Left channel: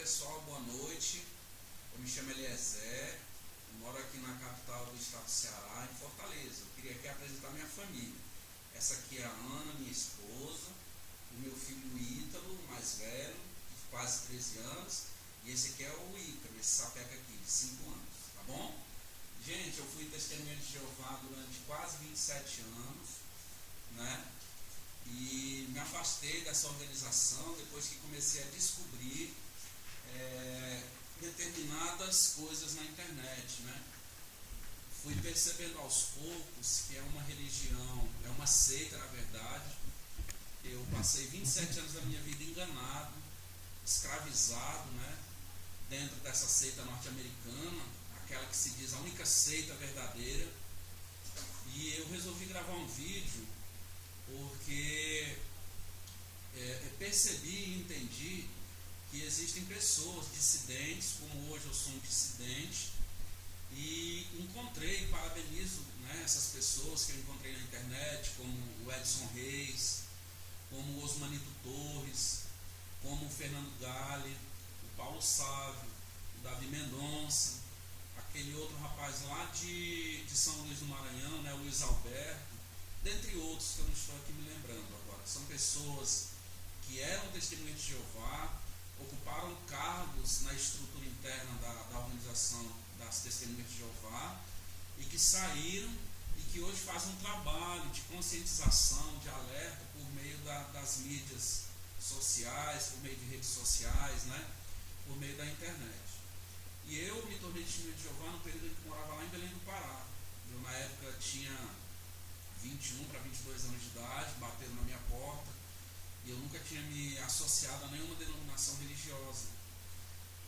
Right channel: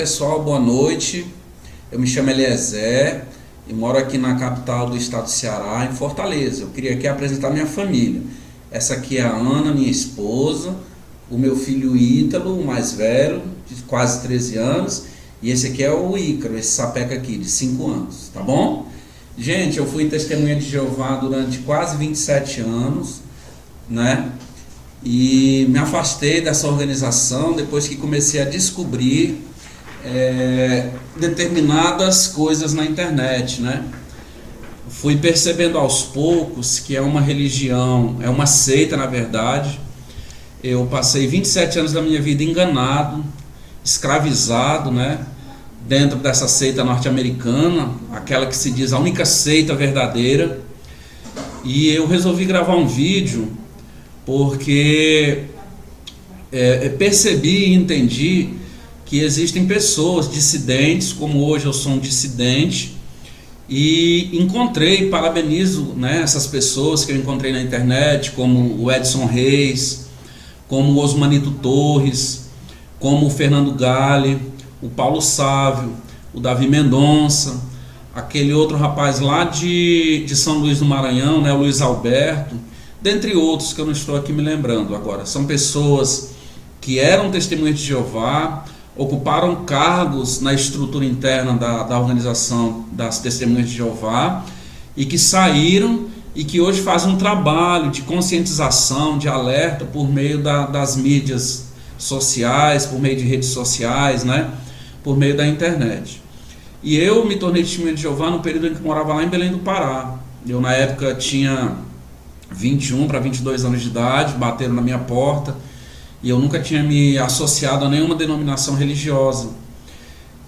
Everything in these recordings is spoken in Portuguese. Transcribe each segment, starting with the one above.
pessoal, boa noite. Eu me chamo Eliezer e moro aqui na capital do estado do Ceará, em Fortaleza. Eu queria aqui apresentar minha família. Essa aqui é a Ana, minha esposa, o meu filho Ítalo, o mais velho, de quase 13 anos, e esse aqui é o Ícaro, esse sapeca aqui, de 5 anos, tá bom? Gente, eu fui testemunha de Jeová durante quase 27 anos, né? E me afastei dessa organização depois que comecei a descobrir determinadas coisas na internet, né? Fui percebendo aos poucos que é uma religião, é uma seita na verdade. Eu passei 27 anos da minha vida enganado, escravizado, né? Dentro dessa seita norte-americana, aquela que se diz a única seita verdadeira. E eu resolvi gravar um vídeo porque percebi e entendi que existem pessoas dissidentes, como hoje eu sou um dissidente, e encontrei, parabenizo, né, essas pessoas que eu encontrei na internet, como o Edson Reis, como o Osmanito Torres, como o Fernando Gale, o Paulo Sávio, o Davi Mendonça, aquele outro rapaz lá de São Luís do Maranhão, né, o Luiz Alberto, dentre outros que eu não estou aqui me lembrando agora. São pessoas que eram testemunhas de Jeová, ocuparam cargos na estrutura interna da organização das testemunhas de Jeová e que saíram e que hoje fazem um trabalho de conscientização, de alerta por meio das mídias sociais, por meio de redes sociais, né? Por meio da internet. E eu me tornei testemunha de Jeová no período em que morava lá em Belém do Pará. Eu na época tinha 21 para 22 anos de idade, bateram na minha porta e eu nunca tinha me associado a nenhuma denominação religiosa.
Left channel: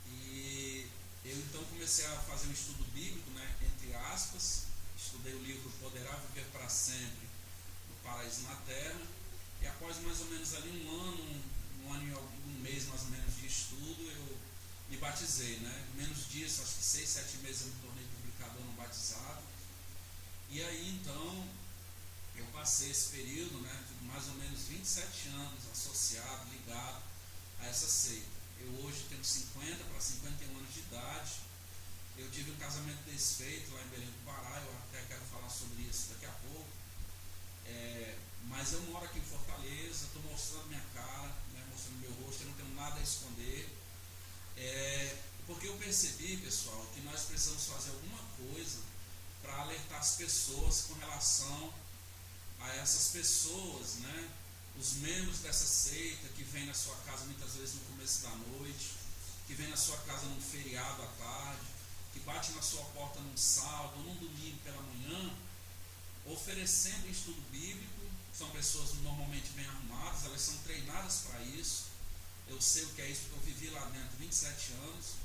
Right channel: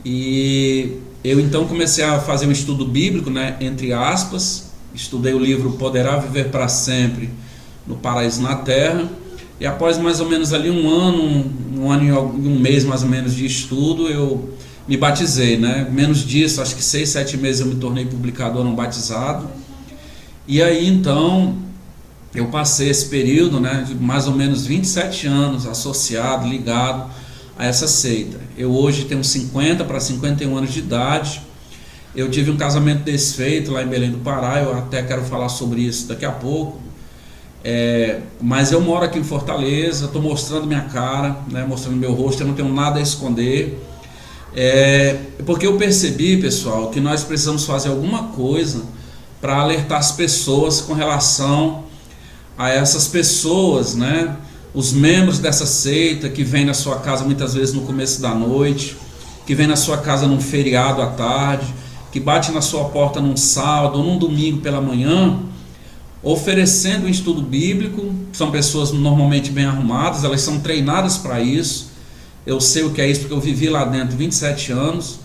E eu então comecei a fazer um estudo bíblico, né, entre aspas, estudei o livro Poderá Viver para Sempre no Paraíso na Terra, e após mais ou menos ali um ano e um mês mais ou menos de estudo, eu me batizei, né? Menos disso, acho que 6, 7 meses eu me tornei publicador não batizado. E aí então eu passei esse período, né, de mais ou menos 27 anos associado, ligado a essa seita. Eu hoje tenho 50 para 51 anos de idade. Eu tive um casamento desfeito lá em Belém do Pará, eu até quero falar sobre isso daqui a pouco. Mas eu moro aqui em Fortaleza, estou mostrando minha cara, né, mostrando meu rosto, eu não tenho nada a esconder. Porque eu percebi, pessoal, que nós precisamos fazer alguma coisa para alertar as pessoas com relação a essas pessoas, né, os membros dessa seita que vêm na sua casa muitas vezes no começo da noite, que vem na sua casa num feriado à tarde, que bate na sua porta num sábado ou num domingo pela manhã, oferecendo um estudo bíblico. São pessoas normalmente bem arrumadas, elas são treinadas para isso. Eu sei o que é isso porque eu vivi lá dentro 27 anos.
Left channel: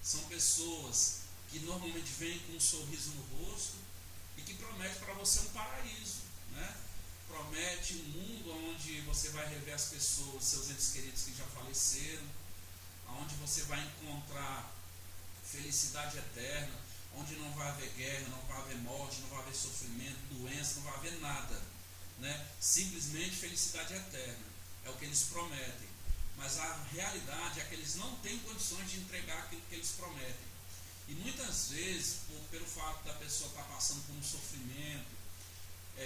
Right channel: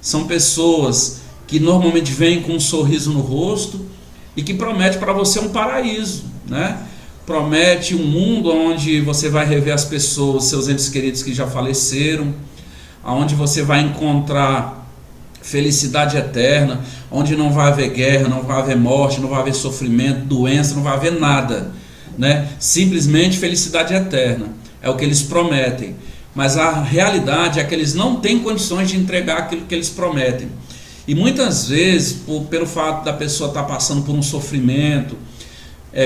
São pessoas que normalmente vêm com um sorriso no rosto e que promete para você um paraíso, né? Promete um mundo onde você vai rever as pessoas, seus entes queridos que já faleceram, onde você vai encontrar felicidade eterna, onde não vai haver guerra, não vai haver morte, não vai haver sofrimento, doença, não vai haver nada, né? Simplesmente felicidade eterna, é o que eles prometem. Mas a realidade é que eles não têm condições de entregar aquilo que eles prometem. E muitas vezes, pelo fato da pessoa estar passando por um sofrimento,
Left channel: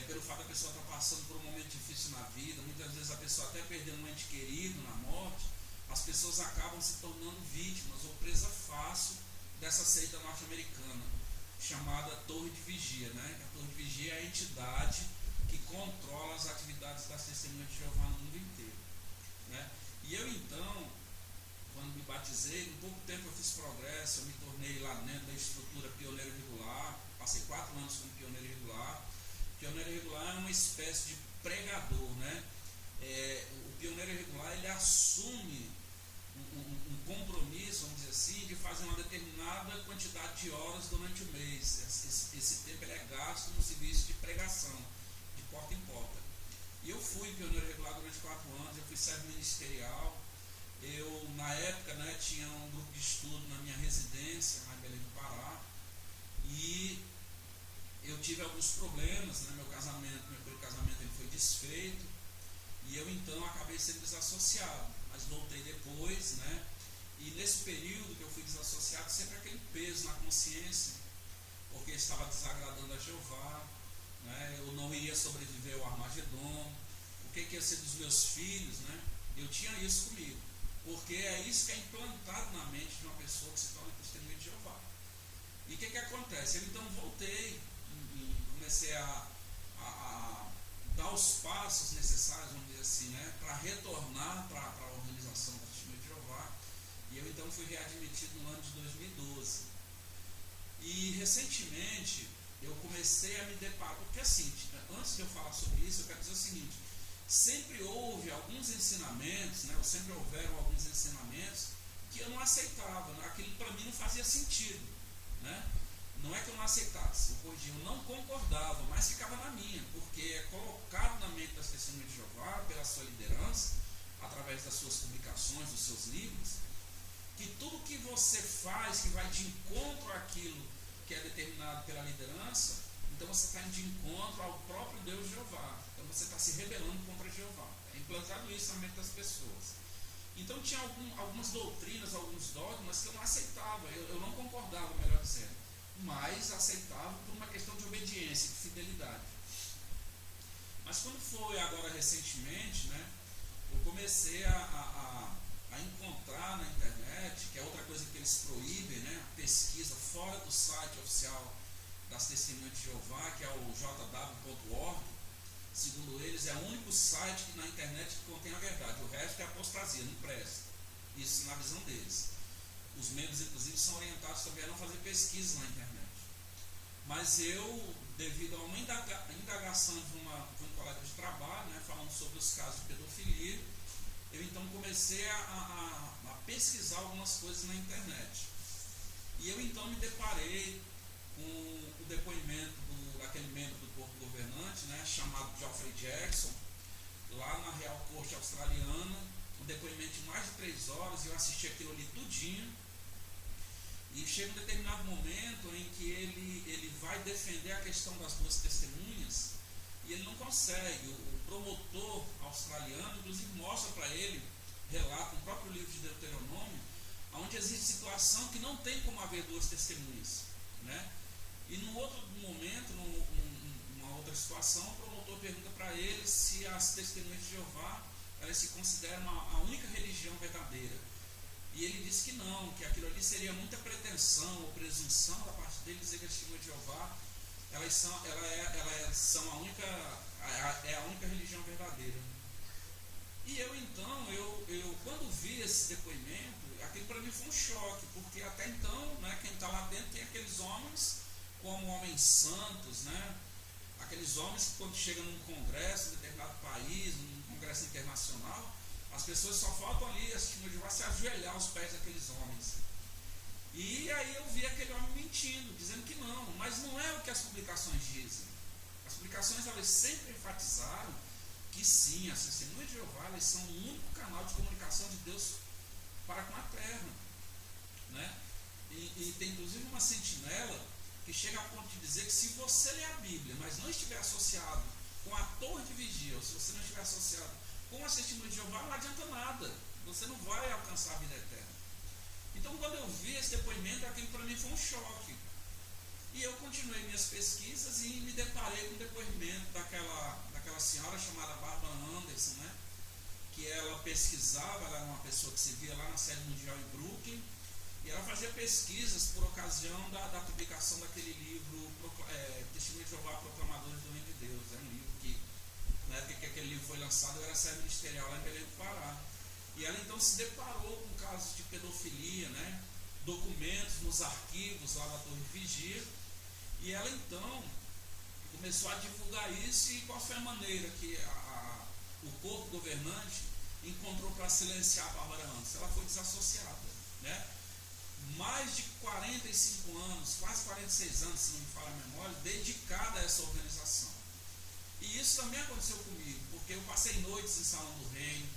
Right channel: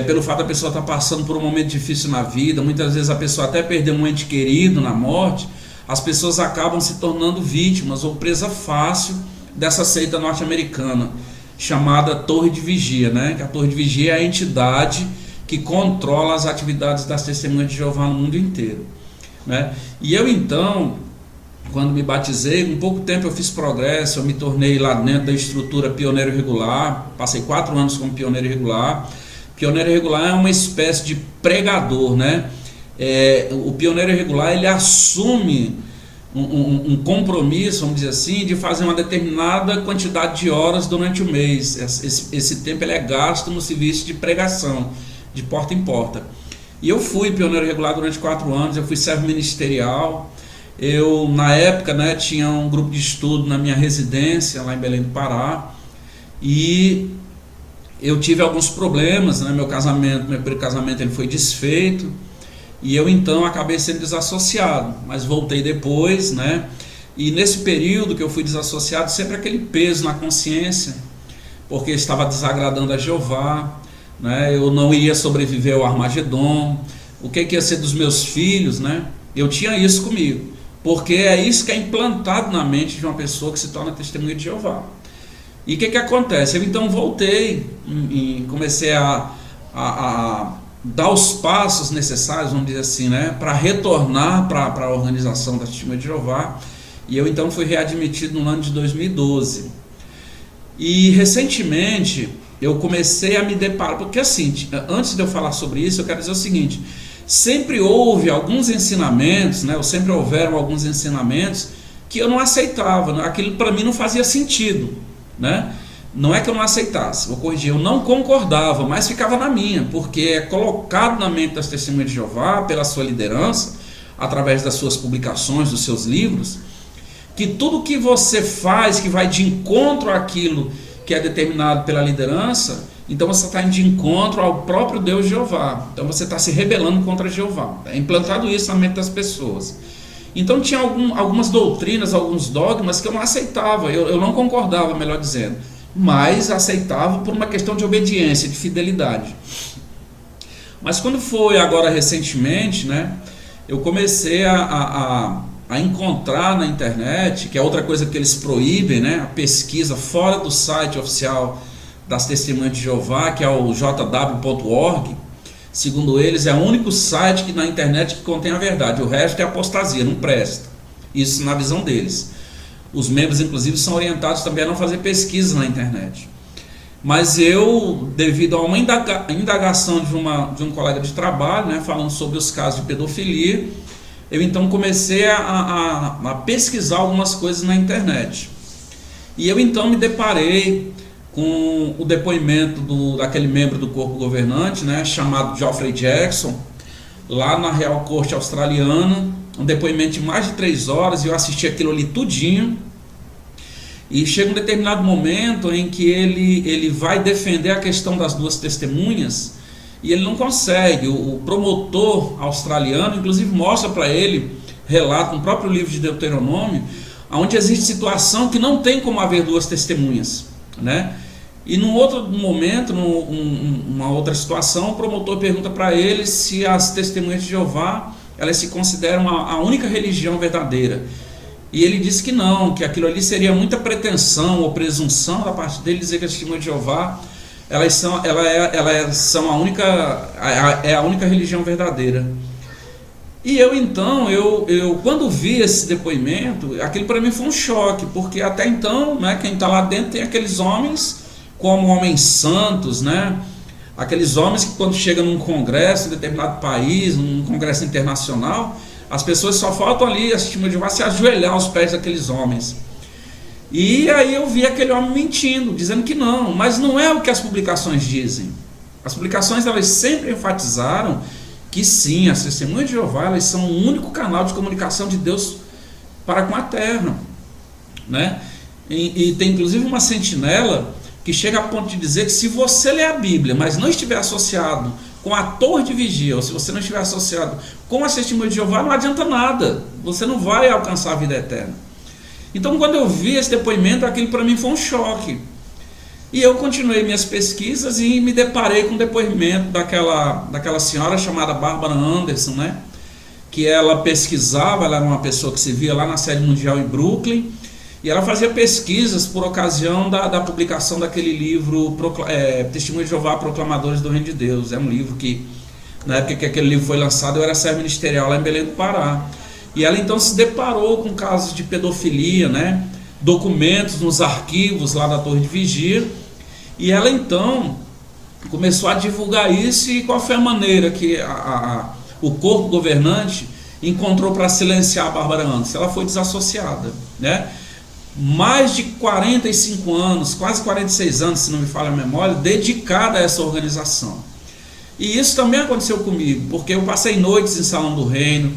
pelo fato da pessoa estar passando por um momento difícil na vida, muitas vezes a pessoa até perdeu um ente querido na morte, as pessoas acabam se tornando vítimas ou presa fácil dessa seita norte-americana, chamada Torre de Vigia, né? Que a Torre de Vigia é a entidade que controla as atividades das testemunhas de Jeová no mundo inteiro, né? E eu então, quando me batizei, em pouco tempo eu fiz progresso, eu me tornei lá dentro da estrutura pioneiro regular, passei 4 anos como pioneiro regular. Pioneiro regular é uma espécie de pregador, né? O pioneiro regular, ele assume um compromisso, vamos dizer assim, de fazer uma determinada quantidade de horas durante o mês. Esse tempo ele é gasto no serviço de pregação, de porta em porta. E eu fui pioneiro regular durante 4 anos, eu fui servo ministerial. Eu, na época, né, tinha um grupo de estudo na minha residência, lá em Belém do Pará, e eu tive alguns problemas, né? Meu primeiro casamento ele foi desfeito, e eu então acabei sendo desassociado, mas voltei depois, né? E nesse período que eu fui desassociado, sempre aquele peso na consciência, porque estava desagradando a Jeová, né? Eu não iria sobreviver ao Armagedon, o que ia ser dos meus filhos, né? Eu tinha isso comigo, porque é isso que é implantado na mente de uma pessoa que se torna testemunha de Jeová. E o que acontece? Eu então voltei e comecei a dar os passos necessários, vamos dizer assim, né, para retornar para a organização da Testemunha de Jeová. E eu então fui readmitido no ano de 2012. E recentemente eu comecei a me deparar, porque assim, antes de eu falar sobre isso, eu quero dizer o seguinte: sempre houve alguns ensinamentos, né, ou sempre houveram alguns ensinamentos que eu não aceitava, né, aquilo para mim não fazia sentido, né? Não é que eu não aceitasse, vou corrigir, eu não concordava, mas ficava na minha, porque é colocado na mente das Testemunhas de Jeová, pela sua liderança, através das suas publicações, dos seus livros, que tudo que você faz que vai de encontro àquilo que é determinado pela liderança, então você está indo de encontro ao próprio Deus Jeová, então você está se rebelando contra Jeová. É implantado isso na mente das pessoas. Então tinha algumas doutrinas, alguns dogmas que eu não aceitava, eu não concordava, melhor dizendo, mas aceitava por uma questão de obediência, de fidelidade. Mas quando foi agora recentemente, né, eu comecei a encontrar na internet, que é outra coisa que eles proíbem, né, a pesquisa fora do site oficial das Testemunhas de Jeová, que é o jw.org. Segundo eles, é o único site que na internet que contém a verdade, o resto é apostasia, não presta. Isso na visão deles. Os membros, inclusive, são orientados também a não fazer pesquisa na internet. Mas eu, devido a uma indagação de um colega de trabalho, né, falando sobre os casos de pedofilia, eu então comecei a pesquisar algumas coisas na internet. E eu então me deparei com o depoimento daquele membro do corpo governante, né, chamado Geoffrey Jackson, lá na Real Corte Australiana, um depoimento de mais de 3 horas, e eu assisti aquilo ali tudinho. E chega um determinado momento em que ele vai defender a questão das duas testemunhas, e ele não consegue. O promotor australiano, inclusive, mostra para ele, relata no próprio livro de Deuteronômio, onde existe situação que não tem como haver duas testemunhas, né? E num outro momento, numa outra situação, o promotor pergunta para ele se as Testemunhas de Jeová, elas se consideram a única religião verdadeira. E ele disse que não, que aquilo ali seria muita pretensão ou presunção da parte dele dizer que as Testemunhas de Jeová elas são a única religião verdadeira. E eu então, quando vi esse depoimento, aquilo para mim foi um choque, porque até então, né, quem está lá dentro tem aqueles homens como homens santos, né? Aqueles homens que quando chegam num congresso em determinado país, num congresso internacional, as pessoas só faltam ali, as Testemunhas de Jeová, se ajoelhar aos pés daqueles homens. E aí eu vi aquele homem mentindo, dizendo que não, mas não é o que as publicações dizem. As publicações, elas sempre enfatizaram que sim, as Testemunhas de Jeová, elas são o único canal de comunicação de Deus para com a terra, né? E tem inclusive uma sentinela que chega a ponto de dizer que se você ler a Bíblia, mas não estiver associado com a torre de vigia, ou se você não estiver associado com as Testemunhas de Jeová, não adianta nada, você não vai alcançar a vida eterna. Então, quando eu vi esse depoimento, aquilo para mim foi um choque. E eu continuei minhas pesquisas e me deparei com o depoimento daquela senhora chamada Barbara Anderson, né? Que ela pesquisava, ela era uma pessoa que se via lá na sede mundial em Brooklyn, e ela fazia pesquisas por ocasião da publicação daquele livro Testemunhas de Jeová, Proclamadores do Reino de Deus. É um livro que, na época que aquele livro foi lançado, eu era servo ministerial lá em Belém do Pará. E ela então se deparou com casos de pedofilia, né? Documentos nos arquivos lá da Torre de Vigia, e ela então começou a divulgar isso. E qual foi a maneira que o corpo governante encontrou para silenciar a Bárbara Anderson? Ela foi desassociada, né? Mais de 45 anos, quase 46 anos, se não me falha a memória, dedicada a essa organização. E isso também aconteceu comigo, porque eu passei noites em Salão do Reino,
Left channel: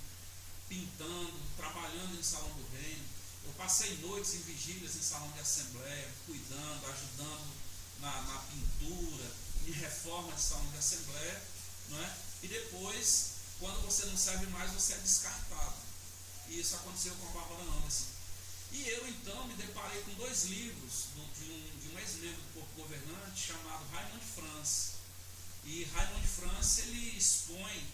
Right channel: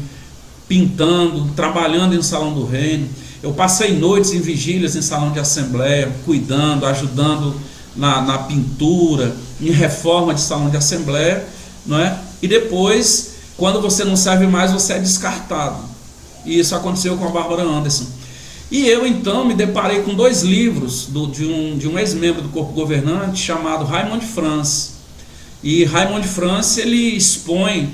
pintando, trabalhando em Salão do Reino. Eu passei noites em vigílias em salão de assembleia, cuidando, ajudando na pintura, em reforma de salão de assembleia, não é? E depois, quando você não serve mais, você é descartado. E isso aconteceu com a Bárbara Anderson. E eu então me deparei com dois livros de um ex-membro do corpo governante chamado Raymond France. E Raymond France, ele expõe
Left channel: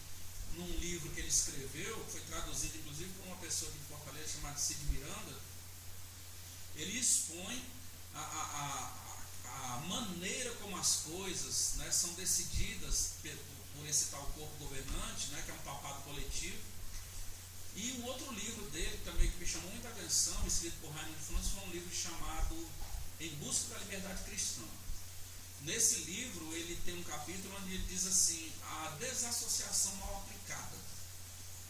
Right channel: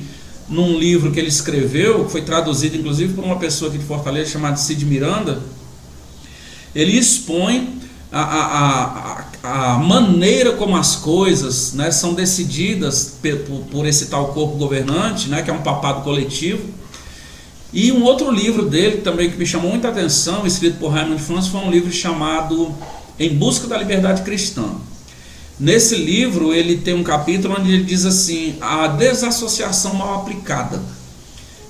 num livro que ele escreveu, que foi traduzido inclusive por uma pessoa aqui de Fortaleza chamada Cid Miranda, ele expõe a maneira como as coisas, né, são decididas por esse tal corpo governante, né, que é um papado coletivo. E um outro livro dele também que me chamou muita atenção, escrito por Raymond France, foi um livro chamado Em Busca da Liberdade Cristã. Nesse livro ele tem um capítulo onde ele diz assim: a desassociação mal aplicada.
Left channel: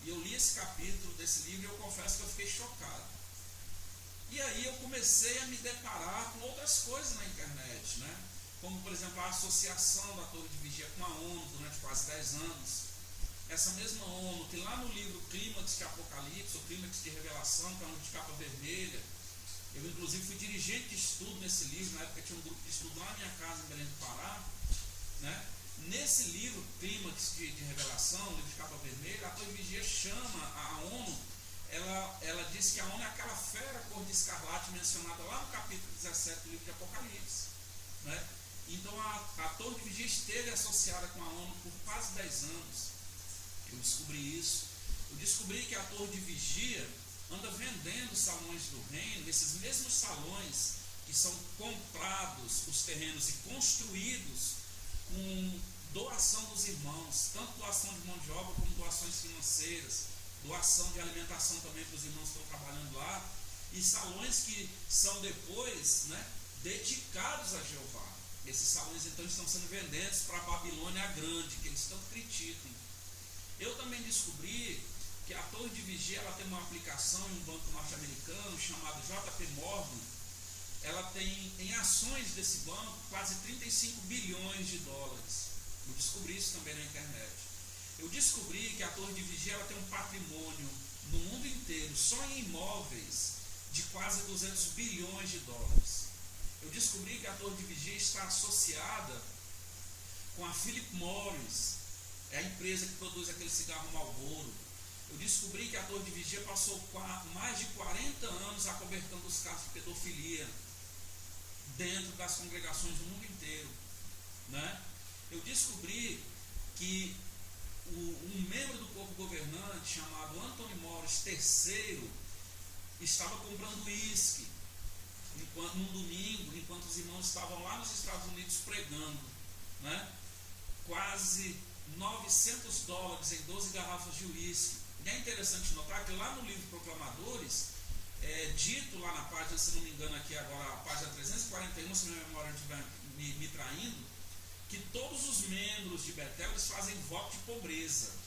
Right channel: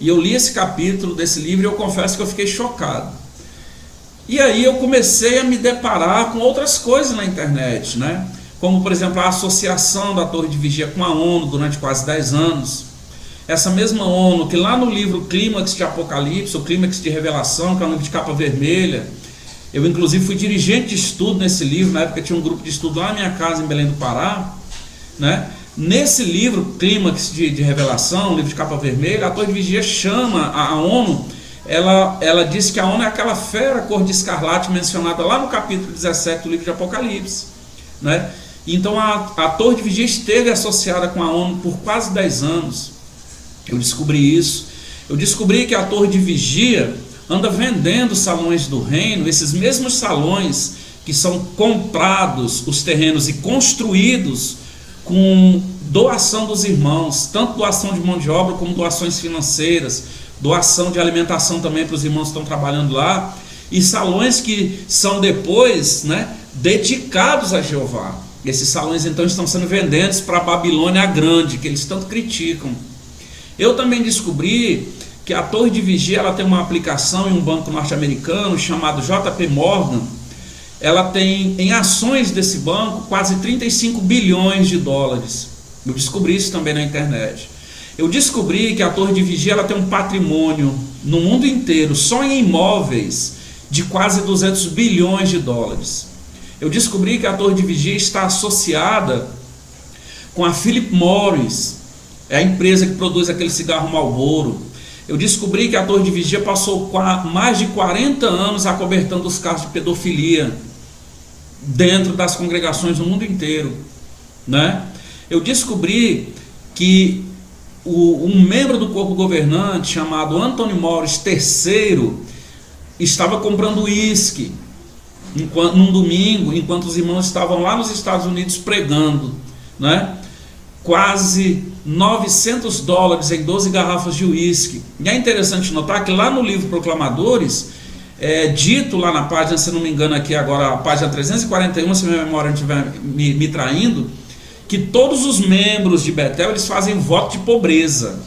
E eu li esse capítulo desse livro e eu confesso que eu fiquei chocado. E aí eu comecei a me deparar com outras coisas na internet, né? Como por exemplo a associação da Torre de Vigia com a ONU durante quase 10 anos. Essa mesma ONU que lá no livro Clímax de Apocalipse, o Clímax de Revelação, que é um livro de capa vermelha, eu inclusive fui dirigente de estudo nesse livro, na época tinha um grupo de estudo lá na minha casa em Belém do Pará, né? Nesse livro Clímax de Revelação, livro de capa vermelha, a Torre de Vigia chama a ONU, ela diz que a ONU é aquela fera cor de escarlate mencionada lá no capítulo 17 do livro de Apocalipse, né? Então a Torre de Vigia esteve associada com a ONU por quase 10 anos. Eu descobri isso. Eu descobri que a Torre de Vigia anda vendendo salões do reino, esses mesmos salões que são comprados os terrenos e construídos com doação dos irmãos, tanto doação de mão de obra como doações financeiras, doação de alimentação também para os irmãos que estão trabalhando lá, e salões que são depois, né, dedicados a Jeová. Esses salões então estão sendo vendidos para a Babilônia Grande, que eles tanto criticam. Eu também descobri que a Torre de Vigia ela tem uma aplicação em um banco norte-americano chamado JP Morgan. Ela tem em ações desse banco quase 35 bilhões de dólares. Eu descobri isso também na internet. Eu descobri que a Torre de Vigia ela tem um patrimônio no mundo inteiro, só em imóveis, de quase 200 bilhões de dólares. Eu descobri que a Torre de Vigia está associada com a Philip Morris, é a empresa que produz aquele cigarro Marlboro. Eu descobri que a Torre de Vigia passou mais de 40 anos acobertando os casos de pedofilia dentro das congregações do mundo inteiro, né? Eu descobri que um membro do corpo governante chamado Anthony Morris III estava comprando uísque num domingo, enquanto os irmãos estavam lá nos Estados Unidos pregando, né? Quase 900 dólares em 12 garrafas de uísque. E é interessante notar que lá no livro Proclamadores, é dito lá na página, se não me engano aqui agora, a página 341, se minha memória não estiver me traindo, que todos os membros de Betel eles fazem voto de pobreza.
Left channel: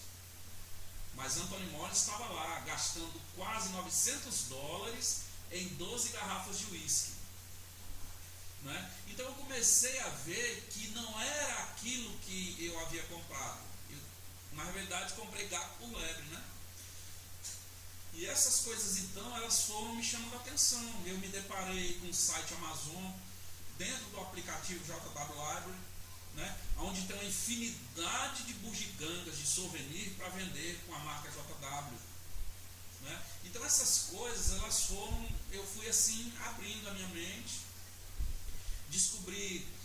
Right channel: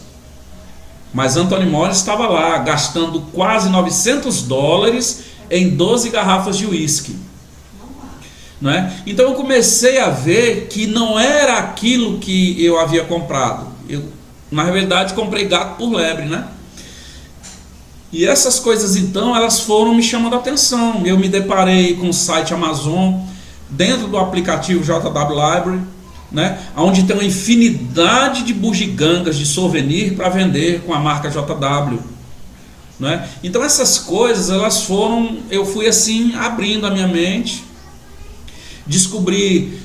Mas Anthony Morris estava lá, gastando quase 900 dólares em 12 garrafas de uísque. Não é? Então eu comecei a ver que não era aquilo que eu havia comprado. Eu, na verdade, comprei gato por lebre, né? E essas coisas então, elas foram me chamando a atenção. Eu me deparei com o site Amazon, dentro do aplicativo JW Library, né? Onde tem uma infinidade de bugigangas, de souvenir para vender com a marca JW. Né? Então essas coisas, elas foram, eu fui assim, abrindo a minha mente. Descobri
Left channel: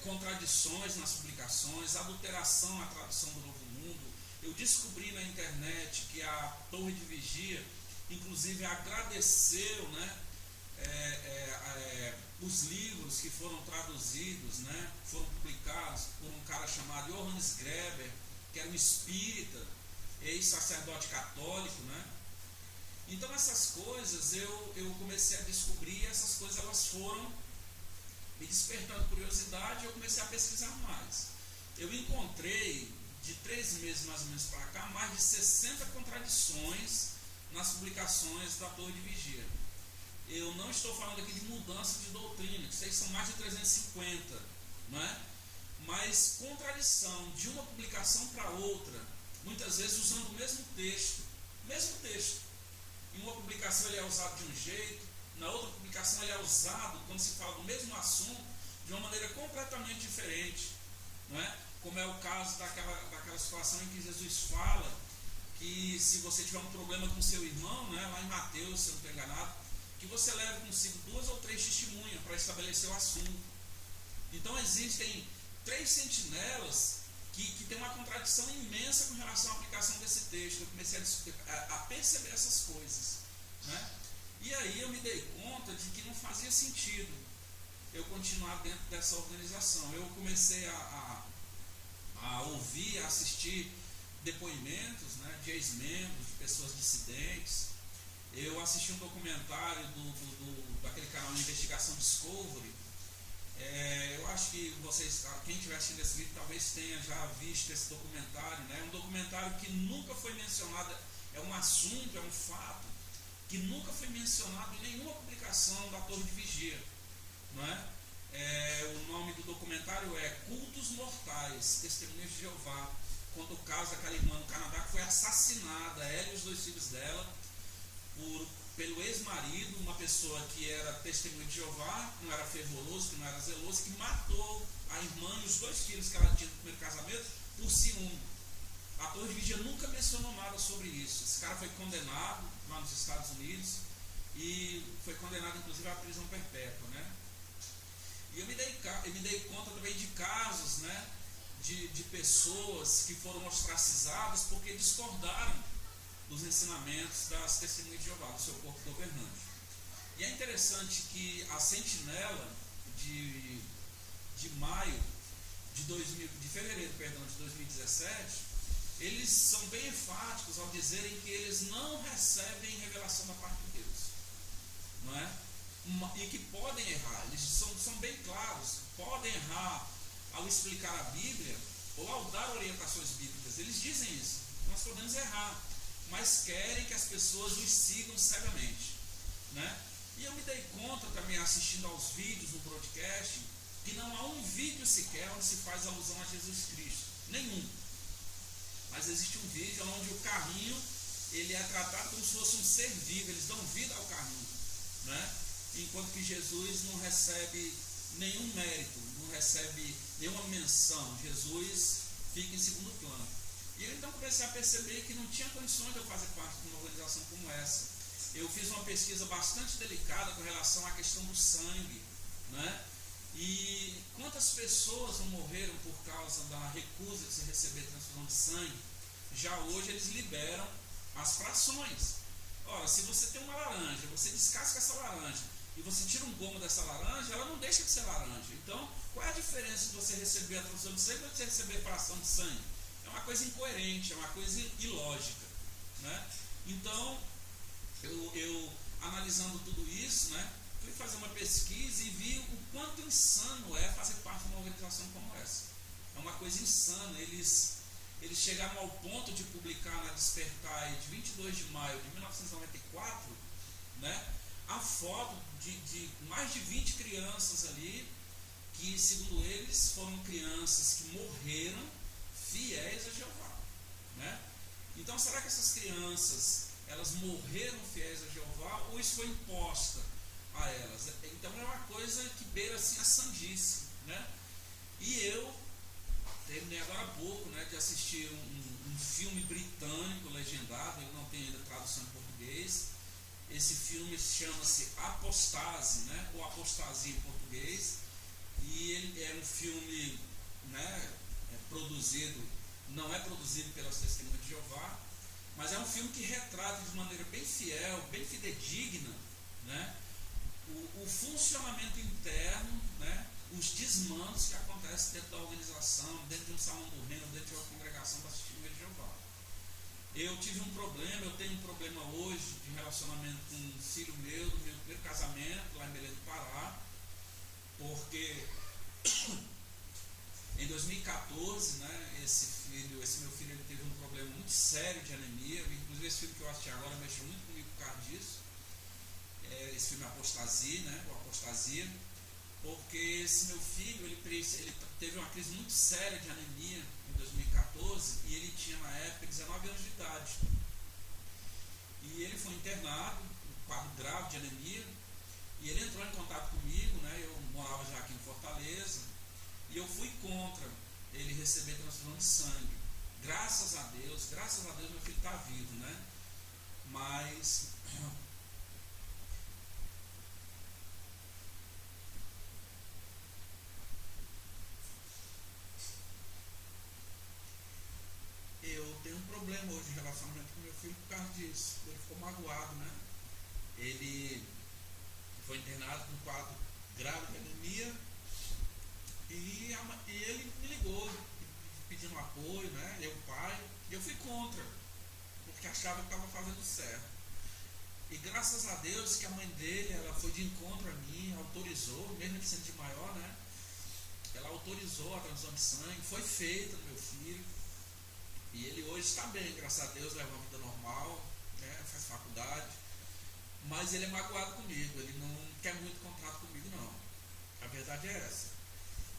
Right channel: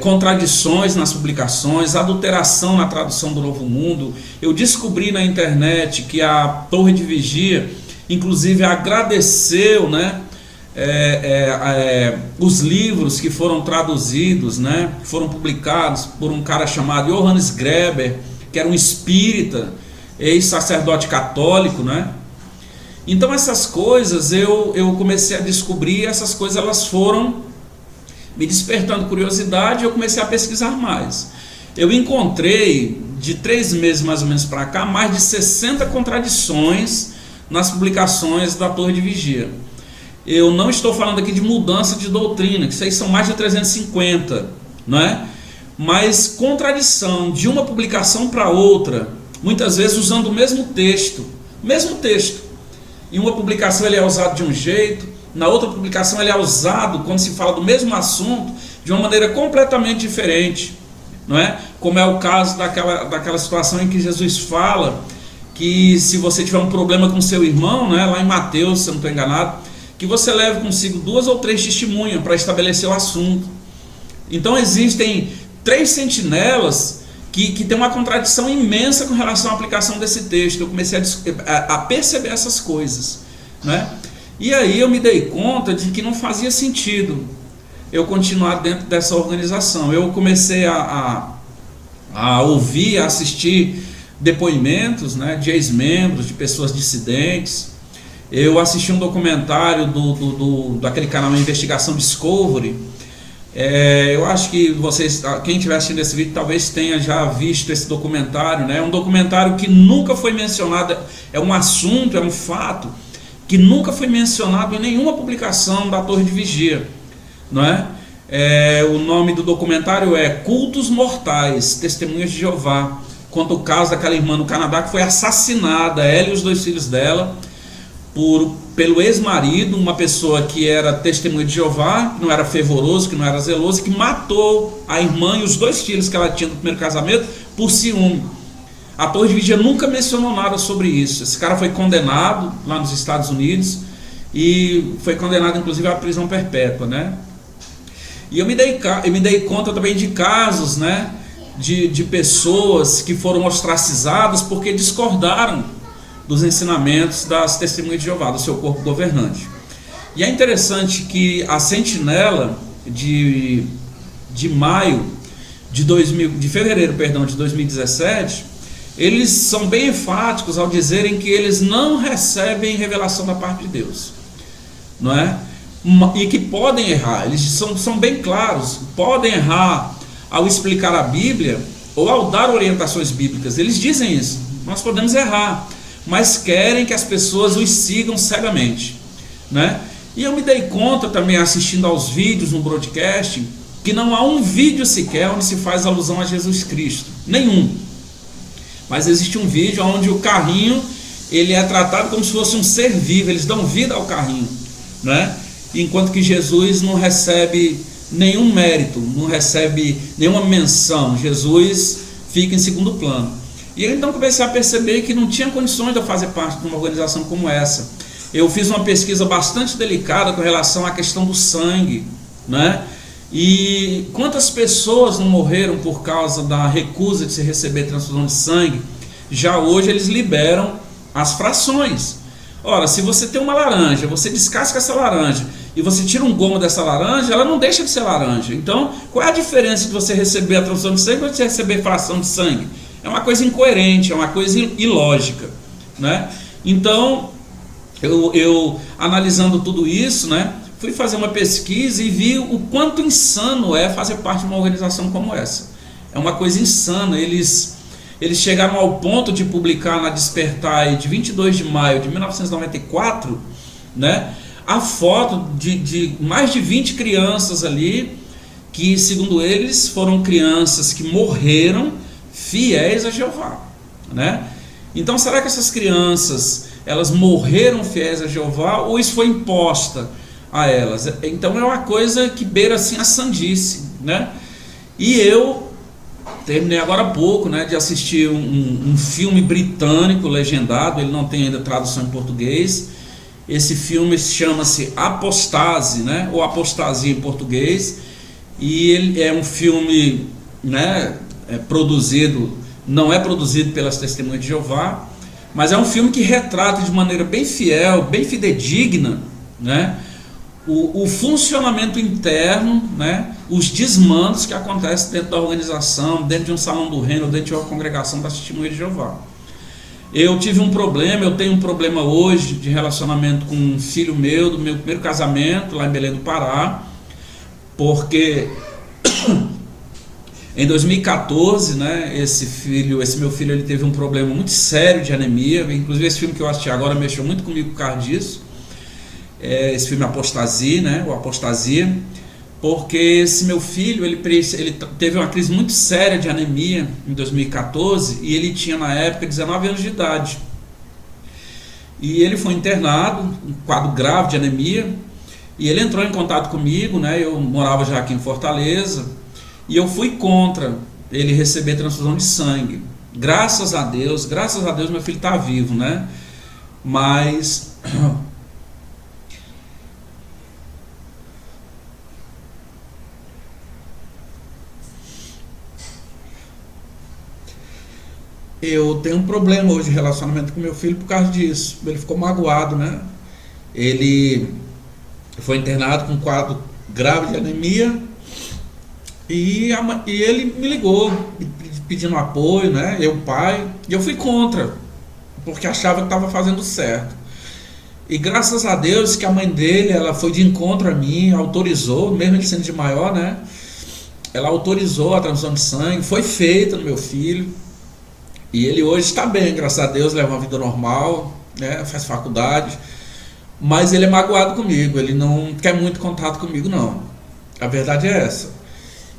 contradições nas publicações, adulteração na tradução do Novo Mundo. Eu descobri na internet que a Torre de Vigia, inclusive, agradeceu, né, os livros que foram traduzidos, né, foram publicados por um cara chamado Johannes Greber, que era um espírita, ex-sacerdote católico, né? Então essas coisas eu comecei a descobrir, essas coisas elas foram me despertando curiosidade, eu comecei a pesquisar mais. Eu encontrei, de 3 meses mais ou menos para cá, mais de 60 contradições nas publicações da Torre de Vigia. Eu não estou falando aqui de mudança de doutrina, que isso aí são mais de 350, não é? Mas contradição de uma publicação para outra, muitas vezes usando o mesmo texto. Em uma publicação ele é usado de um jeito, na outra publicação ele é usado, quando se fala do mesmo assunto, de uma maneira completamente diferente, não é? Como é o caso daquela situação em que Jesus fala que se você tiver um problema com seu irmão, né, lá em Mateus, se eu não estou enganado, que você leve consigo 2 ou 3 testemunhas para estabelecer o assunto. Então existem 3 sentinelas que tem uma contradição imensa com relação à aplicação desse texto. Eu comecei a perceber essas coisas, né? E aí eu me dei conta de que não fazia sentido eu continuar dentro dessa organização. Eu comecei a ouvir, a assistir depoimentos, né, de ex-membros, de pessoas dissidentes. Eu assisti um documentário daquele canal Investigação Discovery. Eu acho que vocês, quem estiver assistindo esse vídeo, talvez tenha já visto esse documentário, né? É um documentário que nunca foi mencionado, é um assunto, é um fato que nunca foi mencionado em nenhuma publicação da Torre de Vigia, não é? O nome do documentário é Cultos Mortais, Testemunhas de Jeová. Conta o caso daquela irmã no Canadá que foi assassinada, ela e os 2 filhos dela, pelo ex-marido, uma pessoa que era testemunha de Jeová, que não era fervoroso, que não era zeloso, que matou a irmã e os 2 filhos que ela tinha no primeiro casamento por ciúme. A Torre de Vigia nunca mencionou nada sobre isso. Esse cara foi condenado lá nos Estados Unidos e foi condenado inclusive à prisão perpétua, né? E eu me dei conta também de casos, né, de pessoas que foram ostracizadas porque discordaram dos ensinamentos das testemunhas de Jeová, do seu corpo governante. E é interessante que a sentinela de fevereiro de 2017, eles são bem enfáticos ao dizerem que eles não recebem revelação da parte de Deus, não é? E que podem errar. Eles são bem claros, podem errar ao explicar a Bíblia ou ao dar orientações bíblicas. Eles dizem isso, nós podemos errar, mas querem que as pessoas os sigam cegamente, né? E eu me dei conta também, assistindo aos vídeos no broadcast, que não há um vídeo sequer onde se faz alusão a Jesus Cristo, nenhum. Mas existe um vídeo onde o carrinho, ele é tratado como se fosse um ser vivo, eles dão vida ao carrinho, né? Enquanto que Jesus não recebe nenhum mérito, não recebe nenhuma menção. Jesus fica em segundo plano. E eu então comecei a perceber que não tinha condições de eu fazer parte de uma organização como essa. Eu fiz uma pesquisa bastante delicada com relação à questão do sangue, né? E quantas pessoas não morreram por causa da recusa de se receber transfusão de sangue? Já hoje eles liberam as frações. Ora, se você tem uma laranja, você descasca essa laranja e você tira um gomo dessa laranja, ela não deixa de ser laranja. Então, qual é a diferença de você receber a transfusão de sangue ou de você receber fração de sangue? É uma coisa incoerente, é uma coisa ilógica, né? Então, eu analisando tudo isso, né, fui fazer uma pesquisa e vi o quanto insano é fazer parte de uma organização como essa. É uma coisa insana. Eles chegaram ao ponto de publicar na Despertar de 22 de maio de 1994, né, a foto de mais de 20 crianças ali, que segundo eles foram crianças que morreram fiéis a Jeová, né? Então será que essas crianças, elas morreram fiéis a Jeová ou isso foi imposta a elas? Então é uma coisa que beira assim a sandice, né? E eu terminei agora há pouco, né, de assistir um filme britânico legendado, ele não tem ainda tradução em português. Esse filme chama-se Apostase, né, ou Apostasia em português, e ele é um filme, né, não é produzido pelas Testemunhas de Jeová, mas é um filme que retrata de maneira bem fiel, bem fidedigna, né, o funcionamento interno, né, os desmandos que acontecem dentro da organização, dentro de um salão do reino, dentro de uma congregação da Testemunha de Jeová. Eu tenho um problema hoje de relacionamento com um filho meu, do meu primeiro casamento, lá em Belém do Pará, porque em 2014, né, esse meu filho, ele teve um problema muito sério de anemia. Inclusive esse filme que eu assisti agora mexeu muito comigo por causa disso. Esse filme Apostasia, né, ou Apostasia, porque esse meu filho, ele teve uma crise muito séria de anemia em 2014 e ele tinha na época 19 anos de idade. E ele foi internado, um quadro grave de anemia, e ele entrou em contato comigo, né, eu morava já aqui em Fortaleza, e eu fui contra ele receber transfusão de sangue. Graças a Deus meu filho está vivo, né? Mas Eu tenho um problema hoje de relacionamento com meu filho por causa disso. Ele ficou magoado, né? Ele foi internado com um quadro grave de anemia e ele me ligou pedindo apoio, né? Eu, pai, e eu fui contra, porque achava que estava fazendo certo. E graças a Deus que a mãe dele, ela foi de encontro a mim, autorizou, mesmo ele sendo de maior, né? Ela autorizou a transfusão de sangue, foi feita no meu filho. E ele hoje está bem, graças a Deus, leva uma vida normal, né? Faz faculdade. Mas ele é magoado comigo, ele não quer muito contato comigo, não. A verdade é essa.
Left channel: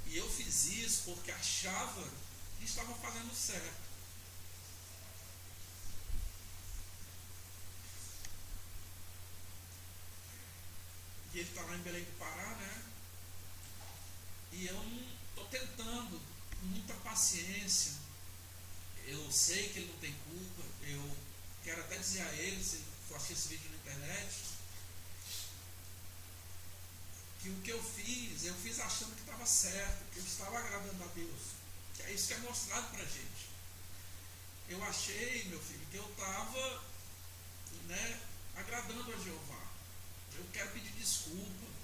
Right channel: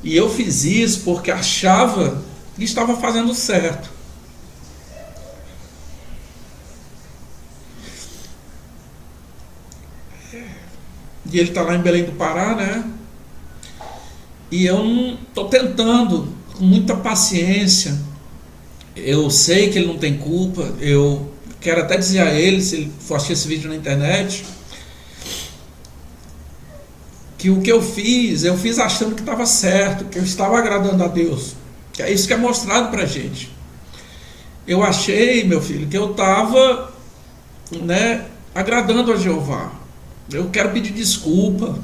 E eu fiz isso porque achava que estava fazendo certo. E ele está lá em Belém do Pará, né? E eu não estou tentando, com muita paciência. Eu sei que ele não tem culpa. Eu quero até dizer a ele, se ele for assistir esse vídeo na internet, que o que eu fiz achando que estava certo, que eu estava agradando a Deus. Que é isso que é mostrado pra gente. Eu achei, meu filho, que eu estava, né, agradando a Jeová. Eu quero pedir desculpa.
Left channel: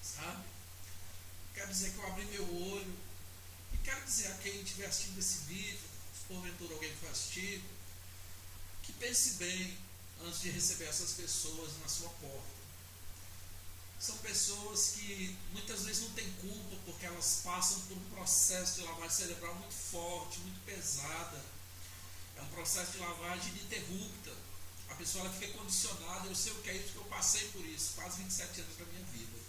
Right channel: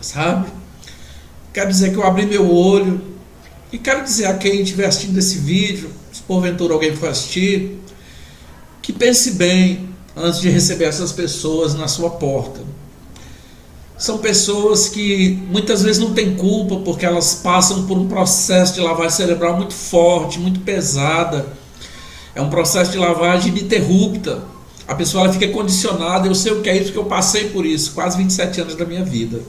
Sabe? Quero dizer que eu abri meu olho. E quero dizer a quem estiver assistindo esse vídeo, se porventura alguém for assistir, que pense bem antes de receber essas pessoas na sua porta. São pessoas que muitas vezes não têm culpa porque elas passam por um processo de lavagem cerebral muito forte, muito pesada. É um processo de lavagem ininterrupta. A pessoa ela fica condicionada. Eu sei o que é isso porque eu passei por isso, quase 27 anos da minha vida.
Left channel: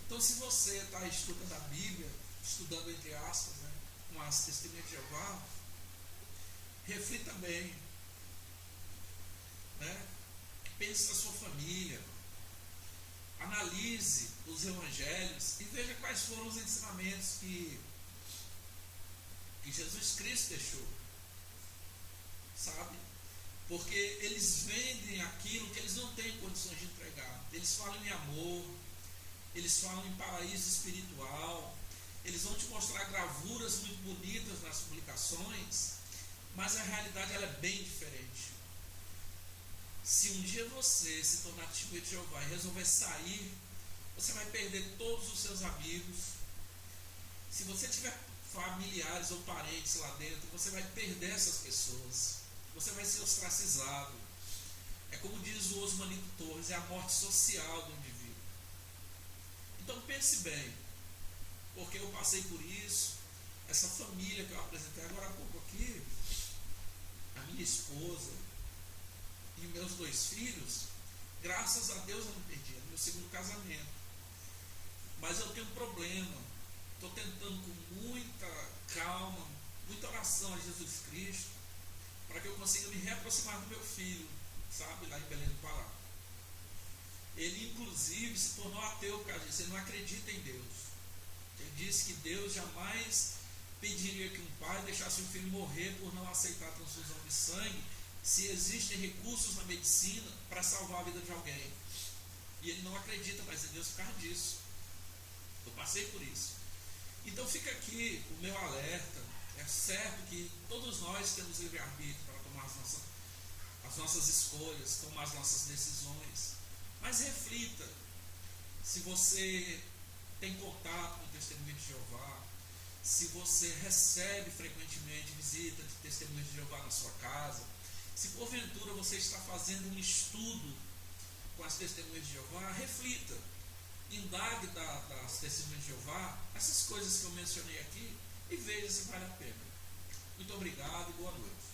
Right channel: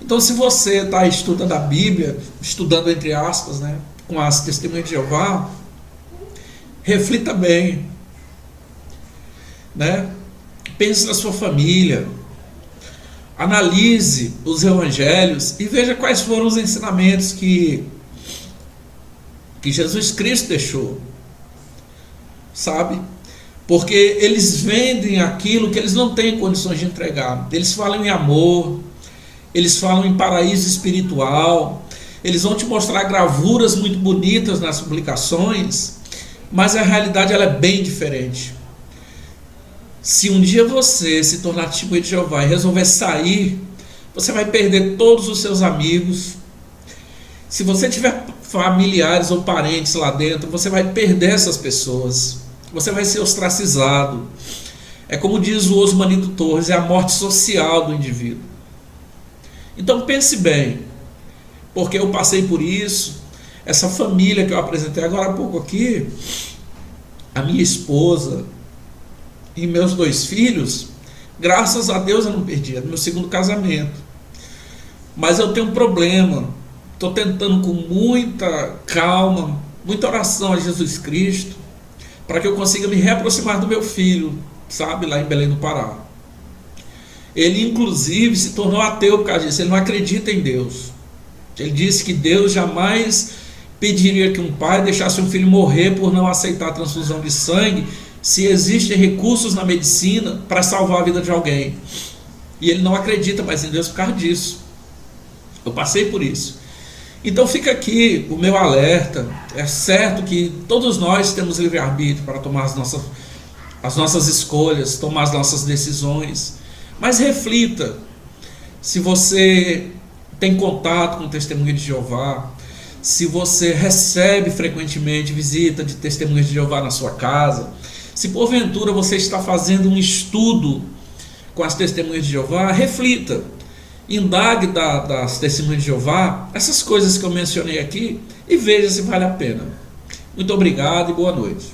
Então, se você está estudando a Bíblia, estudando entre aspas, né, com as testemunhas de Jeová, reflita bem, né? Pense na sua família, analise os evangelhos e veja quais foram os ensinamentos que Jesus Cristo deixou, sabe? Porque eles vendem aquilo que eles não têm condições de entregar. Eles falam em amor, eles falam em paraíso espiritual, eles vão te mostrar gravuras muito bonitas nas publicações, mas a realidade ela é bem diferente. Se um dia você se tornar testemunha de Jeová e resolver sair, você vai perder todos os seus amigos. Se você tiver familiares ou parentes lá dentro, você vai perder essas pessoas. Você vai ser ostracizado. É como diz o Osmanito Torres, é a morte social do indivíduo. Então pense bem, porque eu passei por isso. Essa família que eu apresentei agora há pouco aqui, a minha esposa e meus 2 filhos, graças a Deus eu não perdi, é meu segundo casamento. Mas eu tenho um problema, estou tentando com muita calma, muita oração a Jesus Cristo, para que eu consiga me reaproximar do meu filho, sabe, lá em Belém do Pará. Ele inclusive se tornou ateu por causa disso, ele não acredita em Deus. Ele disse que Deus jamais pediria que um pai deixasse um filho morrer por não aceitar a transfusão de sangue, se existem recursos na medicina para salvar a vida de alguém. E ele não acredita mais em Deus por causa disso. Eu passei por isso. Então fica aqui o meu alerta. É certo que todos nós temos livre-arbítrio para tomar as nossas escolhas, tomar as nossas decisões. Mas reflita, se você tem contato com o Testemunha de Jeová, se você recebe frequentemente visita de Testemunhas de Jeová na sua casa, se porventura você está fazendo um estudo com as Testemunhas de Jeová, reflita, indague das Testemunhas de Jeová, essas coisas que eu mencionei aqui, e veja se vale a pena. Muito obrigado e boa noite.